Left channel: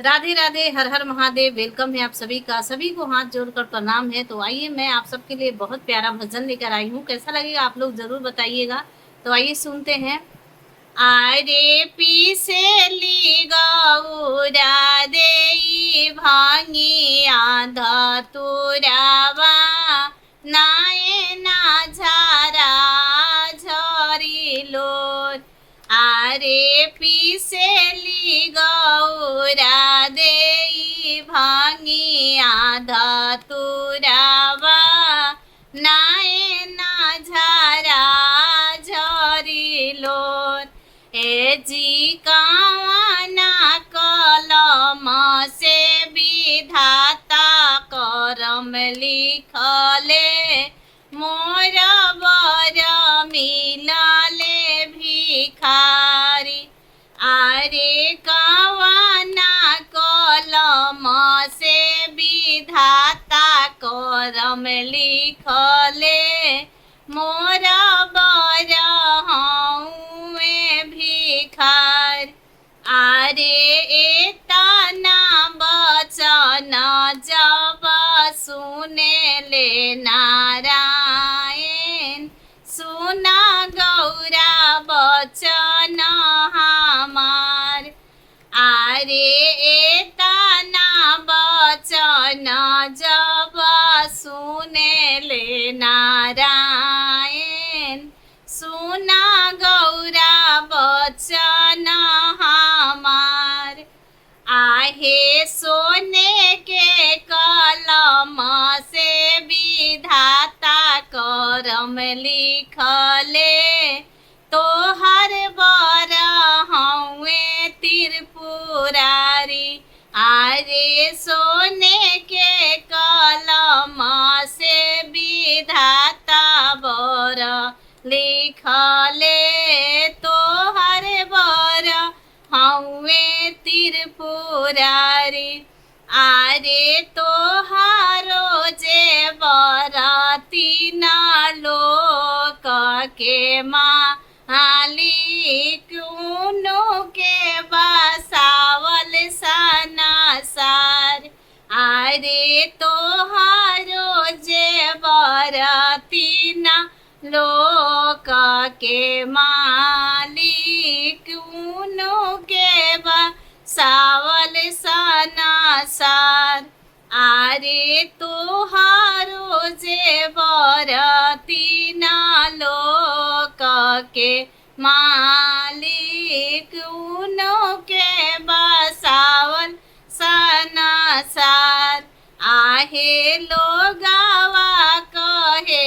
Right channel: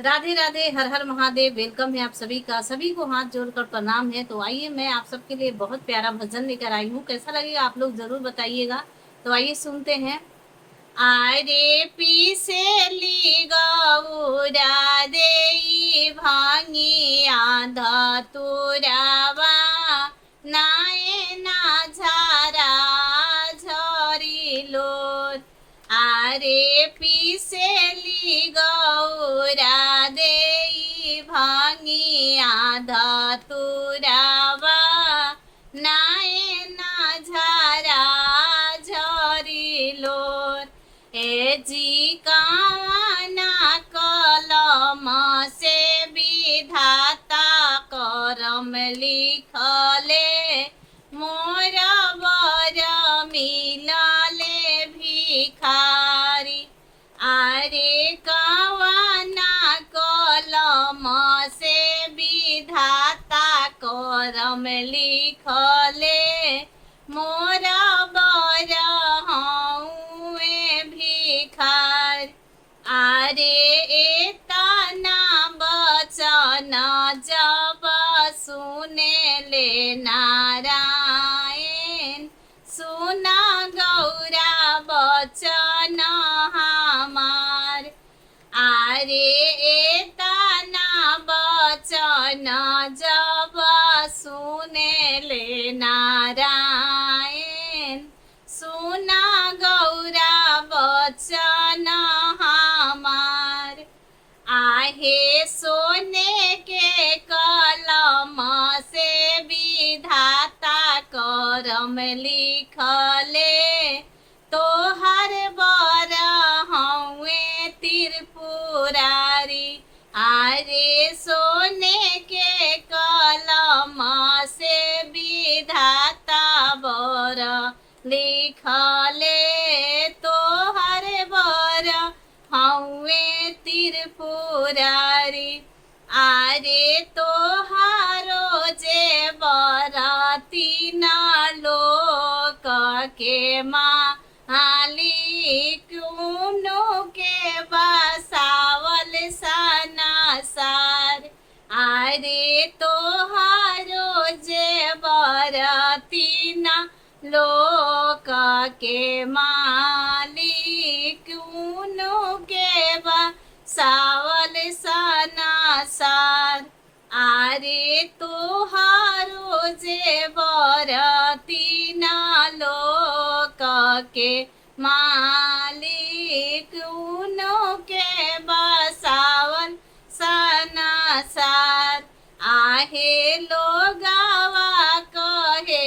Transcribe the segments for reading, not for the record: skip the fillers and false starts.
राधे राधे, हर हर Mahadev. Welcome है आप सभी का। सभी को हाथ जोड़कर प्रणाम है। तो आइए, मैं आप सबके लिए बहुत प्यारा भजन लेकर आई हूँ। कैसा लगेगा आप लोग जरूर बताइएगा। तो आइए सुनते हैं। आरे पीसेली गौरा देई भांगी आधा तुरावा नाये ना झारा झरिलो। आरे पीसेली गौरा देई भांगी आधा तुरावा नाये ना झारा झरिलो। ए जी कावाना कलम से विधाता करम लिखले मोर बर मिलले भिखारी। आरे कावाना कलम से विधाता करम लिखले मोर बर हऊँ भिखार। आरे एतना बचन जब सुने ले नारायण सुना गौरा बचन हमार। आरे एतना बचन जब सुने ले नारायण सुना गौरा बचन हमार। आहे सोने के कलम से विधाता करम लिखले तोहर बर हउए त्रिपुरारी। आरे सोने के कलम से विधाता बर लिखले तोहर बर हउए त्रिपुरारी। आरे तोहारो जे बराती ना लोक के मालिक उनो के बसावल सनासार। आरे तोहारो जे बराती ना लोक के मालिक उनो के बसावल सनासार। आरे तोहारो जे बरती ना लोक के मालिक उनो के बसावल सनासार। आहे लोगावा कहे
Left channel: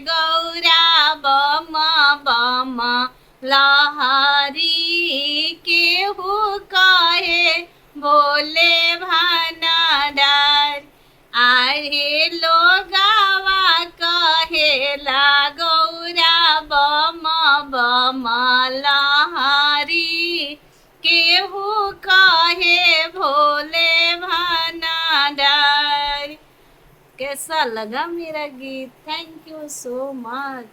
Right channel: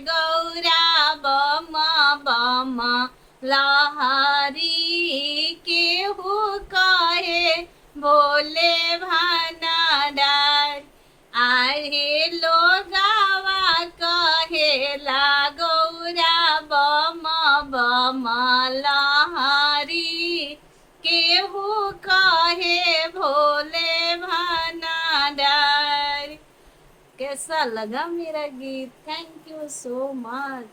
गौरा बम बम लहरी केहू कहे बोले भनडार। आहे लोगावा कहेला गौरा बम बम लहरी केहू कहे भोले भनडार। कैसा लगा मेरा गीत? Thank you so much.